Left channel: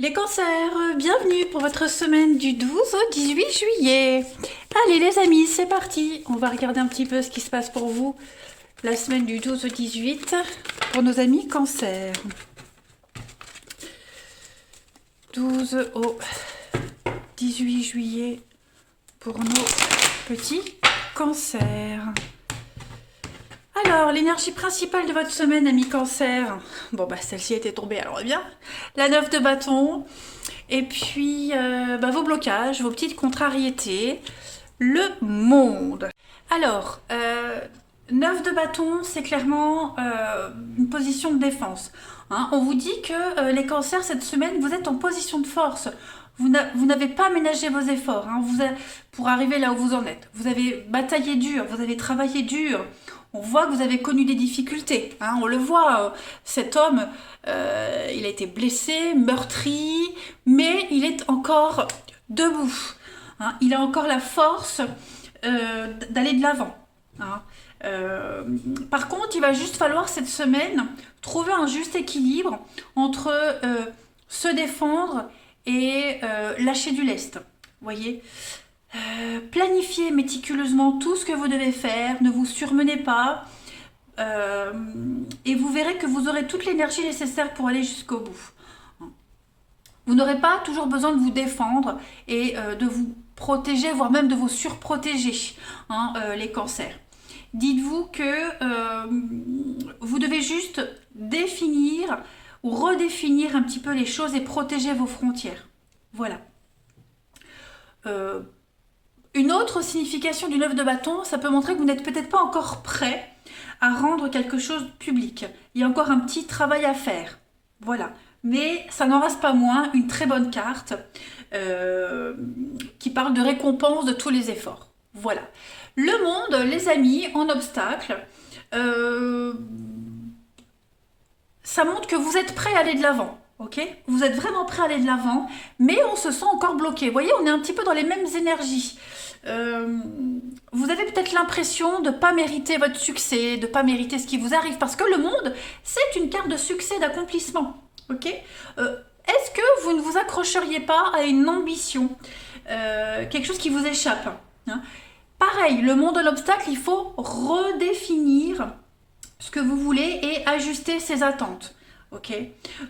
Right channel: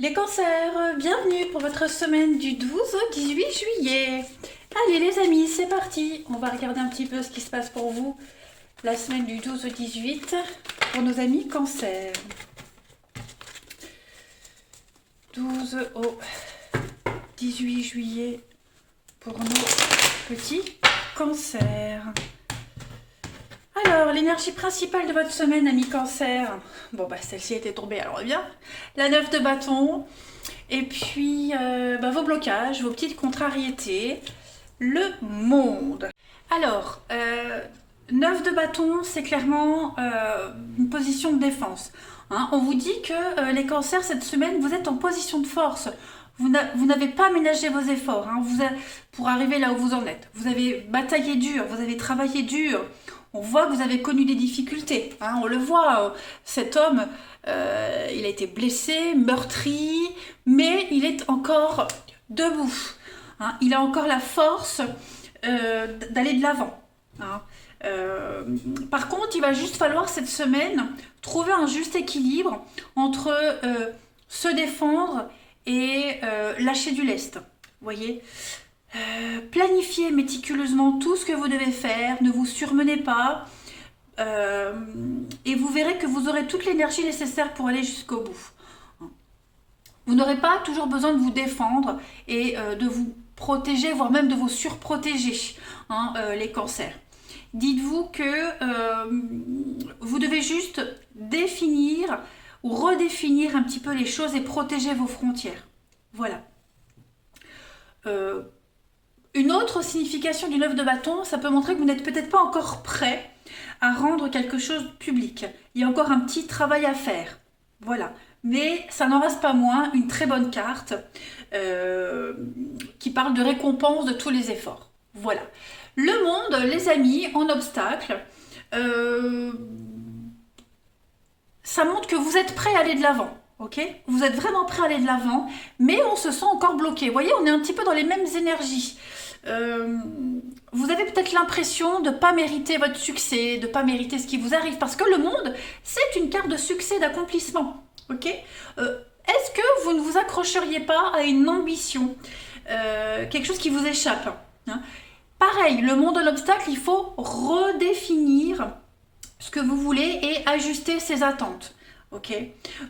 Les cancers, bienvenue pour votre semaine du 12 au 18 juillet. Allez les amis, c'est parti. On va regarder un petit peu ce qui se passe pour vous la semaine du 12 au 18 pour nos amis cancers. 12 au 18 juillet pour nos petits cancers. Alors, l'énergie principale de votre semaine, ami cancer. Bon, bah celle-ci était tombée, alors bien. La 9 de bâton. Et puis, vos blocages, vos petites contrariétés. Le monde. Alors, 9 de bâton, c'est clairement une position de défense. Hein, on vous dit que les cancers, cette semaine, vous êtes en position de force. Vous n'avez pas ménagé vos efforts pour arriver là où vous en êtes. Vous avez bataillé dur, vous avez travaillé dur. On voit que vous avez connu des difficultés. Hein, on le voit, cet homme, il a été blessé, meurtri, mais il est encore debout. Hein, il a encore la force d'aller de l'avant. Hein. Par contre, il va juste falloir cette semaine trouver un juste équilibre entre se défendre et lâcher du lest. Vous voyez, planifiez méticuleusement tout ce que vous devez faire, ne vous surmenez pas, et vous verrez que vous aurez toute l'énergie nécessaire pour aller jusqu'au bout. Vous n'aurez pas toujours besoin de vous défendre et de vous protéger, voire même de vous surprotéger, les cancers. Dites-vous que vous devez juste définir ou redéfinir un petit peu les choses et protéger vos frontières. Voilà. Une autre signification du 9 de bâton, ça peut montrer que vous n'êtes peut-être pas encore prêt à rendre quelque chose public. Il y a encore un petit travail à faire. Voilà. Mais ça n'en reste pas moins une très bonne carte qui parle de récompense de tous les efforts. Voilà. Le monde, les amis, en obstacle, ça montre que vous êtes prêt à aller de l'avant. Okay, vous êtes vraiment prêt à aller de l'avant, mais on se sent encore bloqué. Vous voyez, on est un petit peu dans les mêmes énergies. Vous avez peut-être l'impression de ne pas mériter votre succès, de ne pas mériter ce qui vous arrive, parce que le monde, c'est une carte de succès, d'accomplissement. Okay, est-ce que vous ne vous accrocheriez pas à une ambition, quelque chose qui vous échappe, hein? Pareil, le monde de l'obstacle, il faut redéfinir ce que vous voulez et ajuster ses attentes. Ok.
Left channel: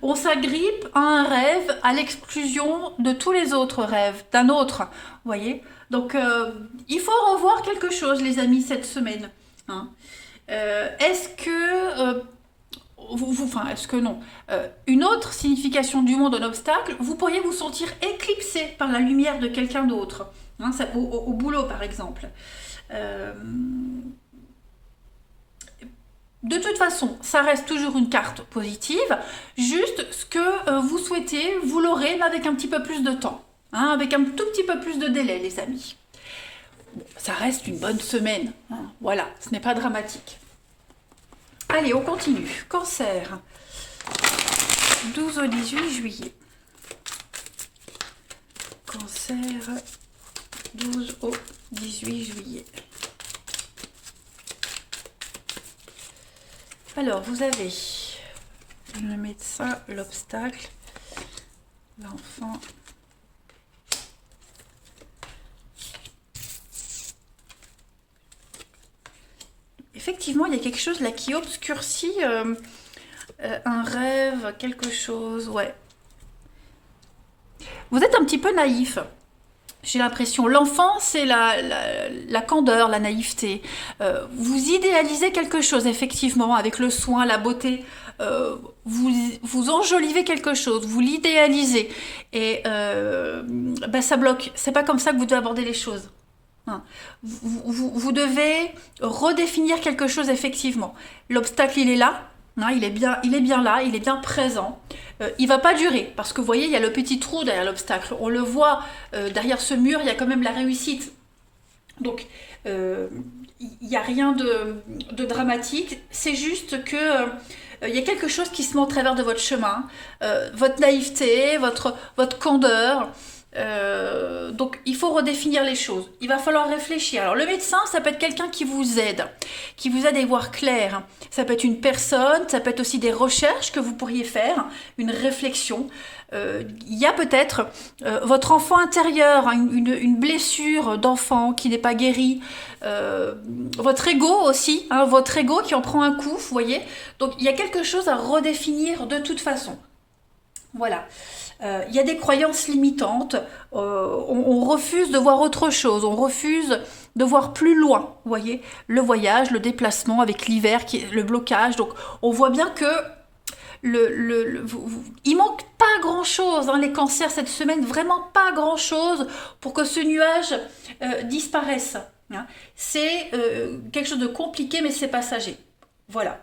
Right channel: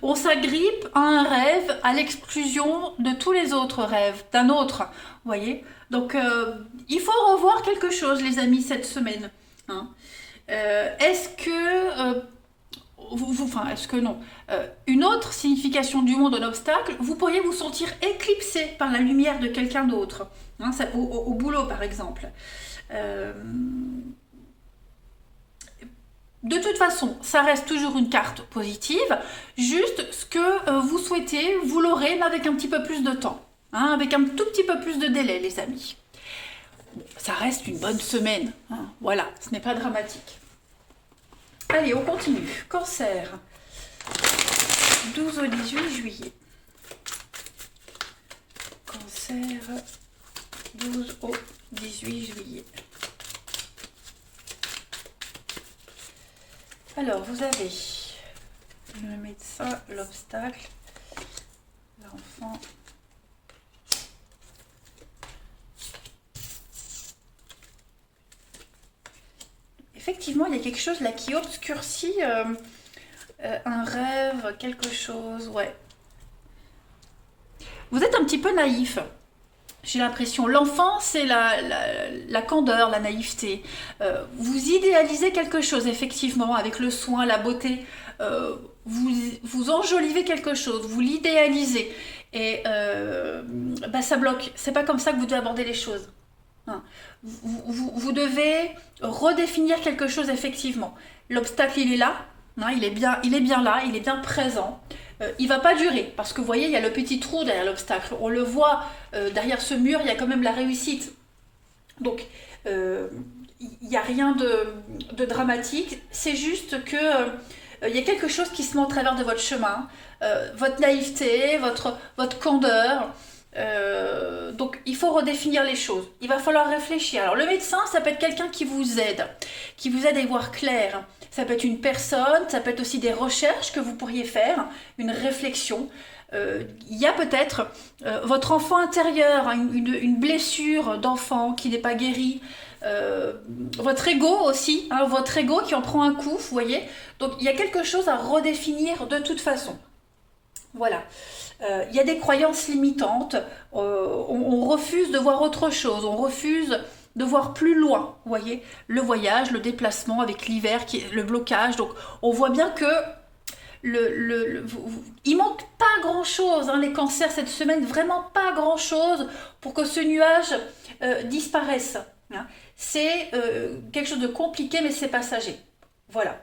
On s'agrippe à un rêve à l'exclusion de tous les autres rêves, d'un autre. Vous voyez. Donc, il faut revoir quelque chose, les amis, cette semaine. Hein. Est-ce que... est-ce que non une autre signification du monde de l'obstacle, vous pourriez vous sentir éclipsé par la lumière de quelqu'un d'autre. Hein, au boulot, par exemple. De toute façon, ça reste toujours une carte positive. Juste ce que vous souhaitez, vous l'aurez, mais avec un petit peu plus de temps. Hein, avec un tout petit peu plus de délai, les amis. Bon, ça reste une bonne semaine. Hein, voilà, ce n'est pas dramatique. Allez, on continue. Cancer. 12 au 18 juillet. Cancer. 12 au 18 juillet. Alors, vous avez le médecin, l'obstacle, l'enfant. Effectivement, il y a quelque chose là qui obscurcit un rêve, quelque chose, ouais. Vous êtes un petit peu naïf. J'ai l'impression, l'enfant, c'est la candeur, la naïveté. Vous idéalisez quelque chose, effectivement, avec le soin, la beauté. Vous enjolivez quelque chose, vous l'idéalisez. Et ça bloque. C'est pas comme ça que vous devez aborder les choses. Hein. Vous devez redéfinir quelque chose, effectivement. L'obstacle, il est là. Hein, il est bien là, il est bien présent. Il va pas durer parce que vous voyez, il y a le petit trou derrière l'obstacle. On le voit derrière ce mur, il y a quand même la réussite. Donc, il n'y a rien de dramatique. C'est juste que il y a quelque chose qui se met au travers de votre chemin, votre naïveté, votre candeur. Donc il faut redéfinir les choses. Il va falloir réfléchir. Alors le médecin, ça peut être quelqu'un qui vous aide à y voir clair. Ça peut être une personne, ça peut être aussi des recherches que vous pourriez faire, une réflexion. Il y a peut-être votre enfant intérieur, hein, une blessure d'enfant qui n'est pas guérie, votre ego aussi, hein, votre ego qui en prend un coup, vous voyez. Donc il y a quelque chose à redéfinir de toute façon. Voilà. Il y a des croyances limitantes, on refuse de voir autre chose, on refuse de voir plus loin, vous voyez, le voyage, le déplacement avec l'hiver, le blocage, donc on voit bien que il manque pas grand chose, hein, les cancers cette semaine, vraiment pas grand chose pour que ce nuage disparaisse, hein. C'est quelque chose de compliqué mais c'est passager, voilà.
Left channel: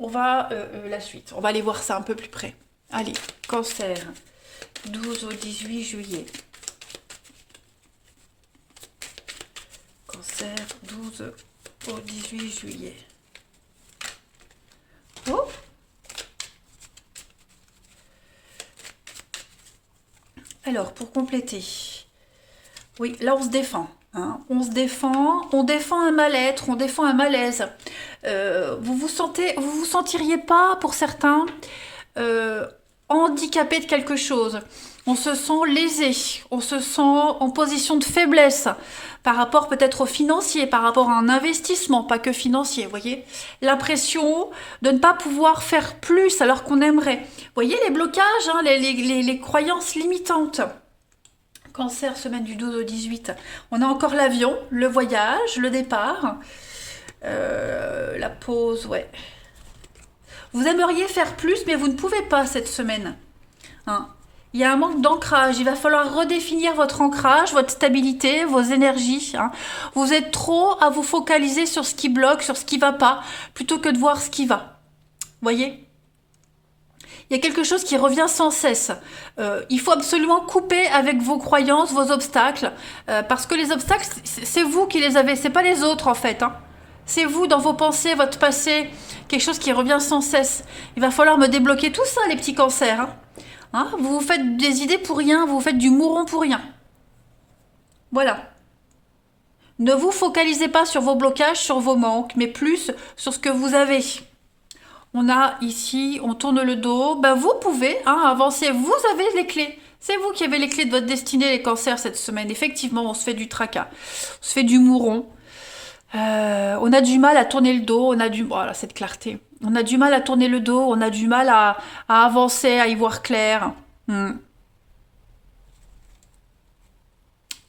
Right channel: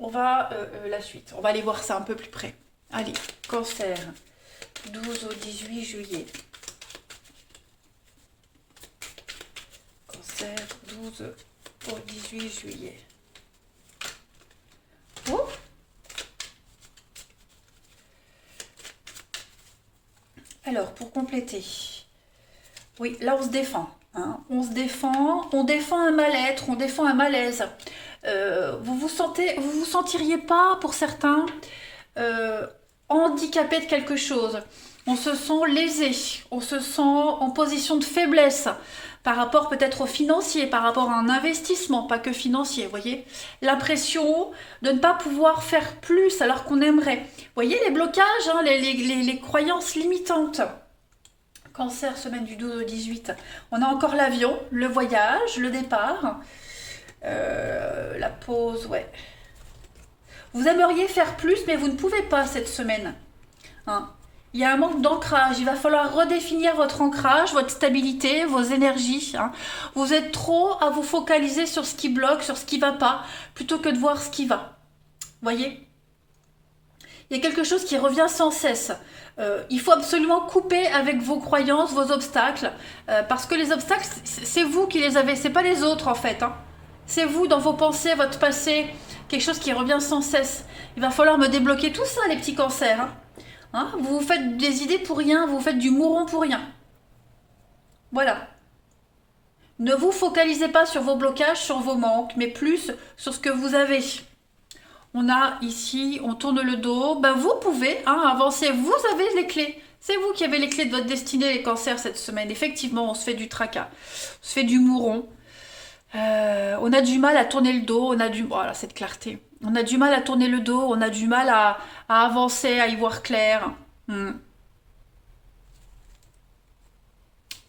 On va la suite, on va aller voir ça un peu plus près. Allez, cancer, 12 au 18 juillet. Cancer, 12 au 18 juillet. Oh. Alors, pour compléter, oui, là on se défend, hein. On défend un mal-être, on défend un malaise. Vous vous sentiriez pas, pour certains, euh, handicapé de quelque chose. On se sent lésé, on se sent en position de faiblesse par rapport peut-être au financier, par rapport à un investissement, pas que financier, vous voyez. L'impression de ne pas pouvoir faire plus alors qu'on aimerait. Vous voyez les blocages, hein, les croyances limitantes. Cancer, semaine du 12 au 18. On a encore l'avion, le voyage, le départ, la pause, ouais. Vous aimeriez faire plus, mais vous ne pouvez pas cette semaine, hein. Il y a un manque d'ancrage. Il va falloir redéfinir votre ancrage, votre stabilité, vos énergies, hein. Vous êtes trop à vous focaliser sur ce qui bloque, sur ce qui ne va pas, plutôt que de voir ce qui va. Voyez? Il y a quelque chose qui revient sans cesse. Il faut absolument couper avec vos croyances, vos obstacles, parce que les obstacles, c'est vous qui les avez, c'est pas les autres en fait, hein. C'est vous dans vos pensées, votre passé, quelque chose qui revient sans cesse. Il va falloir me débloquer tout ça, les petits cancers, hein. Hein, vous vous faites des idées pour rien, vous vous faites du mouron pour rien. Voilà. Ne vous focalisez pas sur vos blocages, sur vos manques, mais plus sur ce que vous avez. On a ici, on tourne le dos. Ben vous pouvez, hein, avancer. Vous avez les clés. C'est vous qui avez les clés de votre destinée, les cancers, cette semaine. Effectivement, on se fait du tracas. On se fait du mouron. On a du mal à tourner le dos. Voilà, cette clarté. On a du mal à tourner le dos. On a du mal à avancer, à y voir clair. Hmm.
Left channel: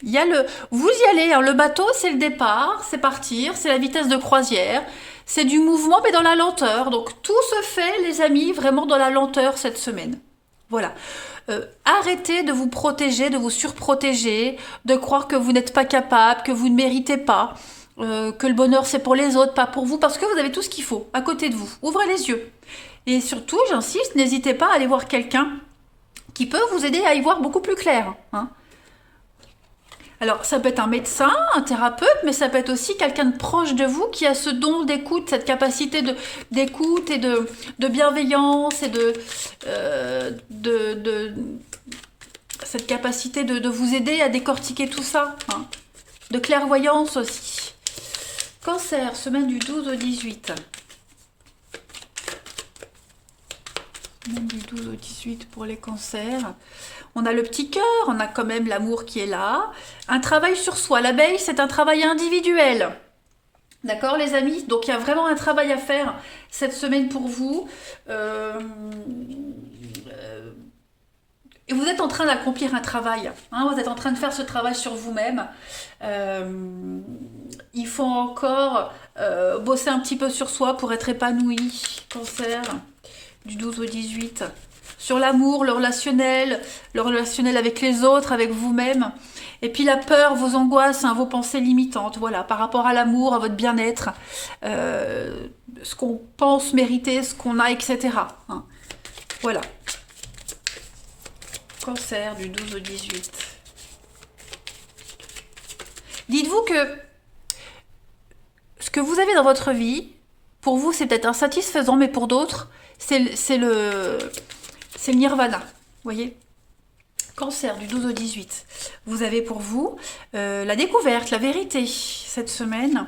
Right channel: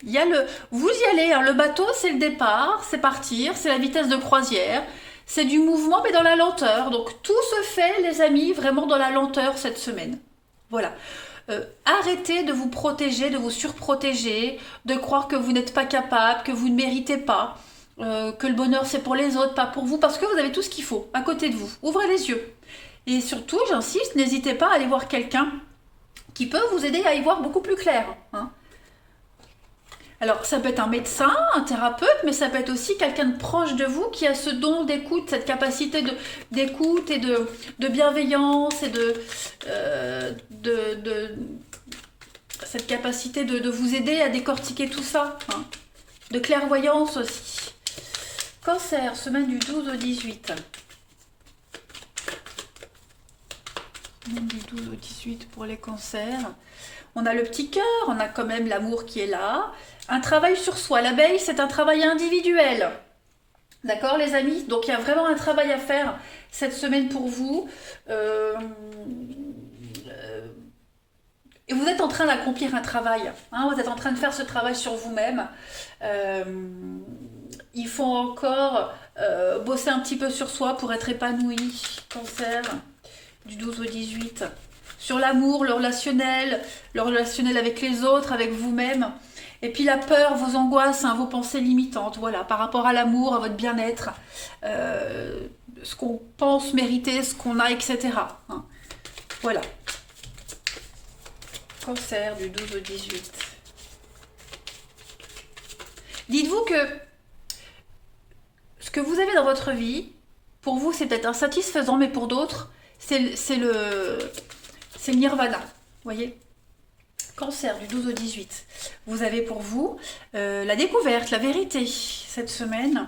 Vous y allez, hein, le bateau, c'est le départ, c'est partir, c'est la vitesse de croisière. C'est du mouvement, mais dans la lenteur. Donc tout se fait, les amis, vraiment dans la lenteur cette semaine. Voilà. Arrêtez de vous protéger, de vous surprotéger, de croire que vous n'êtes pas capable, que vous ne méritez pas, que le bonheur c'est pour les autres, pas pour vous, parce que vous avez tout ce qu'il faut à côté de vous. Ouvrez les yeux. Et surtout, j'insiste, n'hésitez pas à aller voir quelqu'un qui peut vous aider à y voir beaucoup plus clair, hein. Alors, ça peut être un médecin, un thérapeute, mais ça peut être aussi quelqu'un de proche de vous qui a ce don d'écoute, cette capacité d'écoute et de bienveillance et cette capacité de vous aider à décortiquer tout ça, hein. De clairvoyance aussi. Cancer, semaine du 12 au 18. Semaine du 12 au 18 pour les cancers. On a le petit cœur, on a quand même l'amour qui est là. Un travail sur soi. L'abeille, c'est un travail individuel. D'accord, les amis? Donc, il y a vraiment un travail à faire cette semaine pour vous. Et vous êtes en train d'accomplir un travail, hein, vous êtes en train de faire ce travail sur vous-même. Il faut encore bosser un petit peu sur soi pour être épanoui. Cancer, du 12 au 18. Sur l'amour, le relationnel avec les autres, avec vous-même. Et puis la peur, vos angoisses, hein, vos pensées limitantes, voilà, par rapport à l'amour, à votre bien-être, ce qu'on pense mériter, ce qu'on a, etc., hein. Voilà. Cancer, du 12 au 18. Dites-vous que ce que vous avez dans votre vie, pour vous, c'est peut-être insatisfaisant, mais pour d'autres, c'est le nirvana. Vous voyez? Cancer, du 12 au 18. Vous avez pour vous la découverte, la vérité, cette semaine,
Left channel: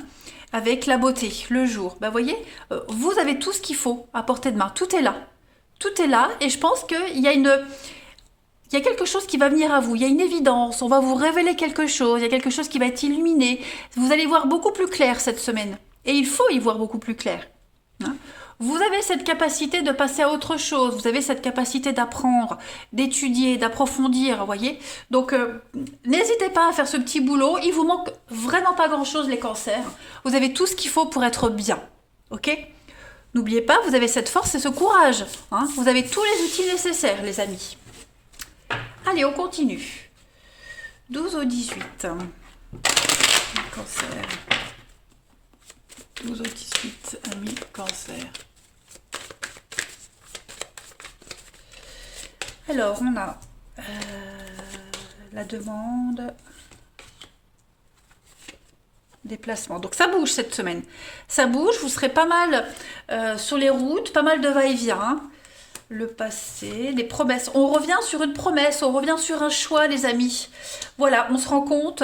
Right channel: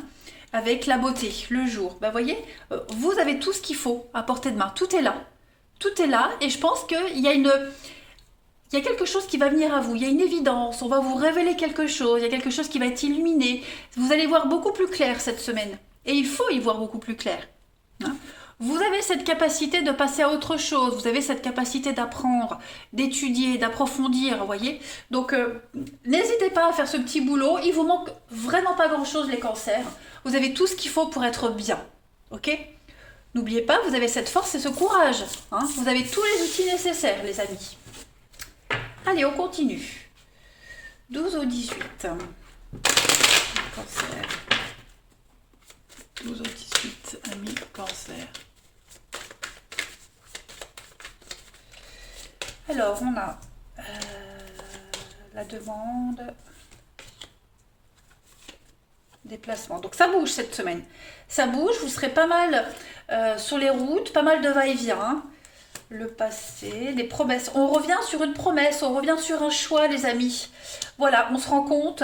avec la beauté, le jour. Ben, voyez, vous avez tout ce qu'il faut à portée de main. Tout est là. Tout est là et je pense il y a quelque chose qui va venir à vous, il y a une évidence, on va vous révéler quelque chose, il y a quelque chose qui va être illuminé. Vous allez voir beaucoup plus clair cette semaine. Et il faut y voir beaucoup plus clair. Hein. Vous avez cette capacité de passer à autre chose, vous avez cette capacité d'apprendre, d'étudier, d'approfondir, vous voyez. Donc, n'hésitez pas à faire ce petit boulot, il vous manque vraiment pas grand-chose les cancers. Vous avez tout ce qu'il faut pour être bien, ok? N'oubliez pas, vous avez cette force et ce courage. Hein. Vous avez tous les outils nécessaires, les amis. Allez, on continue. 12 au 18. Cancer. 12 au 18, amis cancer. Alors, on a la demande, déplacement. Donc, ça bouge cette semaine. Ça bouge, vous serez pas mal sur les routes, pas mal de va-et-vient. Le passé, les promesses. On revient sur une promesse, on revient sur un choix, les amis. Voilà, on se rend compte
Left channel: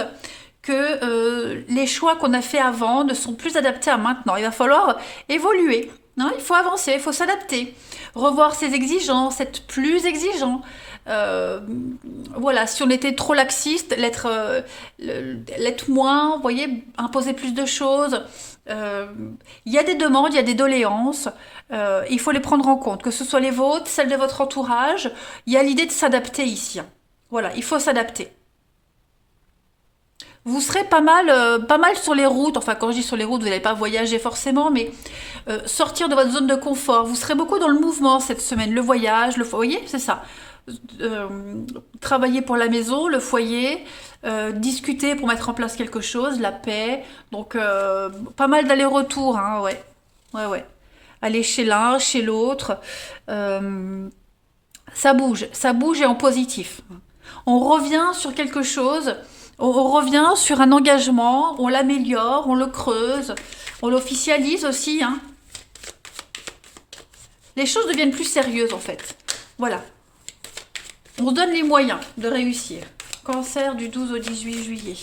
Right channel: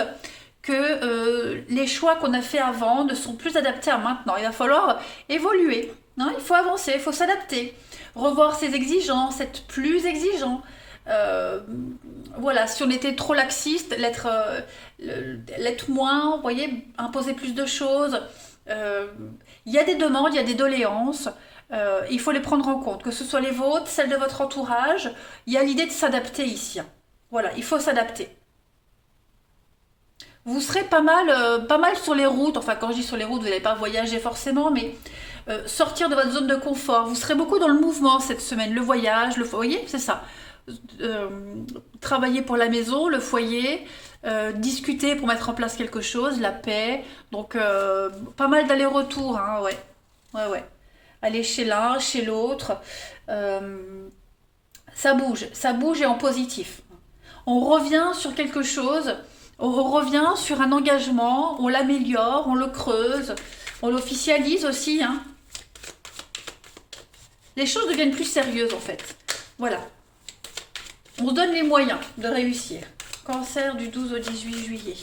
que les choix qu'on a fait avant ne sont plus adaptés à maintenant. Il va falloir évoluer, hein, il faut avancer, il faut s'adapter, revoir ses exigences, être plus exigeant. Voilà, si on était trop laxiste, l'être moins, vous voyez, imposer plus de choses. Il y a des demandes, il y a des doléances. Il faut les prendre en compte, que ce soit les vôtres, celles de votre entourage. Il y a l'idée de s'adapter ici. Voilà, il faut s'adapter. Vous serez pas mal sur les routes. Enfin, quand je dis sur les routes, vous n'allez pas voyager forcément, mais sortir de votre zone de confort. Vous serez beaucoup dans le mouvement cette semaine. Le voyage, le foyer, c'est ça. Travailler pour la maison, le foyer, discuter pour mettre en place quelque chose, la paix. Donc, pas mal d'allers-retours, hein, ouais. Ouais, ouais. Aller chez l'un, chez l'autre. Ça bouge et en positif. On revient sur quelque chose, on revient sur un engagement, on l'améliore, on le creuse, on l'officialise aussi. Hein. Les choses deviennent plus sérieuses en fait. Voilà. On se donne les moyens de réussir. Cancer du 12 au 18 juillet.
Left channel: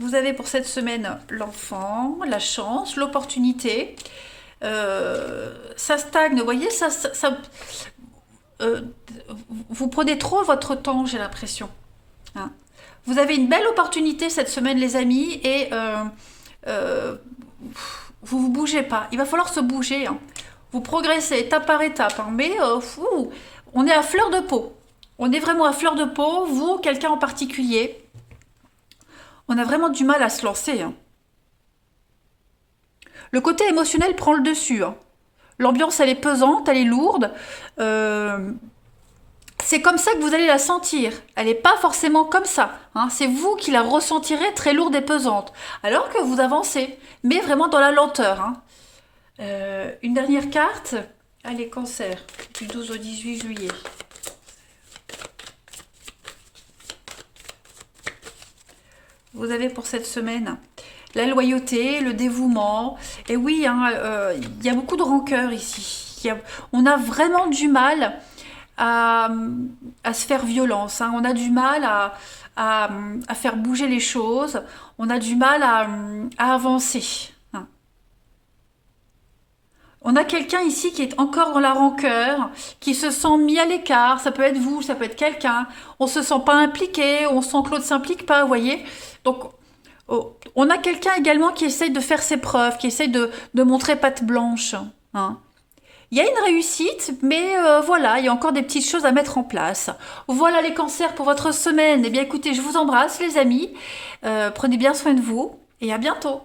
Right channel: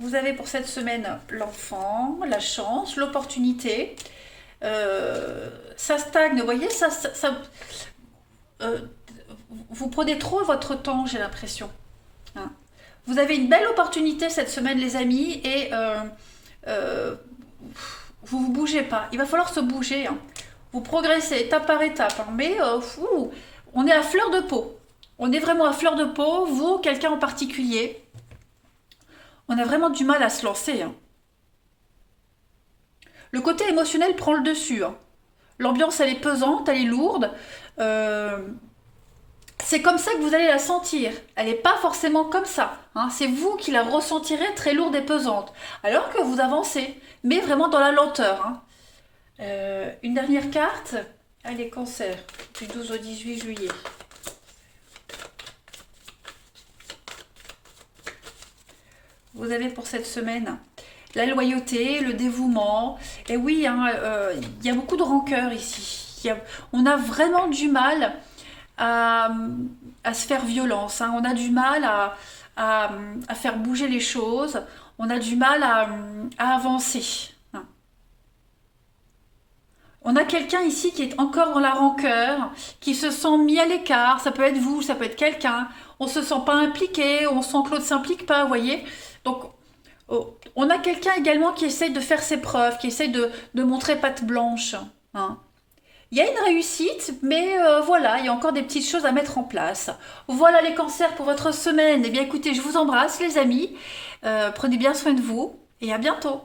Vous avez pour cette semaine l'enfant, la chance, l'opportunité. Ça stagne, vous voyez, vous prenez trop votre temps, j'ai l'impression. Hein. Vous avez une belle opportunité cette semaine, les amis, et vous ne vous bougez pas. Il va falloir se bouger. Hein. Vous progressez étape par étape, hein, mais on est à fleur de peau. On est vraiment à fleur de peau, vous, quelqu'un en particulier. On a vraiment du mal à se lancer. Hein. Le côté émotionnel prend le dessus. Hein. L'ambiance, elle est pesante, elle est lourde. C'est comme ça que vous allez la sentir. Elle n'est pas forcément comme ça. Hein. C'est vous qui la ressentirez très lourde et pesante. Alors que vous avancez, mais vraiment dans la lenteur. Hein. Une dernière carte. Allez, cancer, du 12 au 18 juillet. Vous avez pour cette semaine la loyauté, le dévouement. Et oui, hein, il y a beaucoup de rancœur ici. On a vraiment du mal à se faire violence. Hein. On a du mal à faire bouger les choses. On a du mal à avancer. Hein. On a quelqu'un ici qui est encore dans la rancœur, qui se sent mis à l'écart. Ça peut être vous, ça peut être quelqu'un. On ne se sent pas impliqué, on sent que l'autre ne s'implique pas, vous voyez. Donc, on a quelqu'un également qui essaye de faire ses preuves, qui essaye de montrer patte blanche. Hein. Il y a une réussite, mais voilà, il y a encore des petites choses à mettre en place. Voilà les cancers pour votre semaine. Eh bien écoutez, je vous embrasse les amis. Prenez bien soin de vous et à bientôt.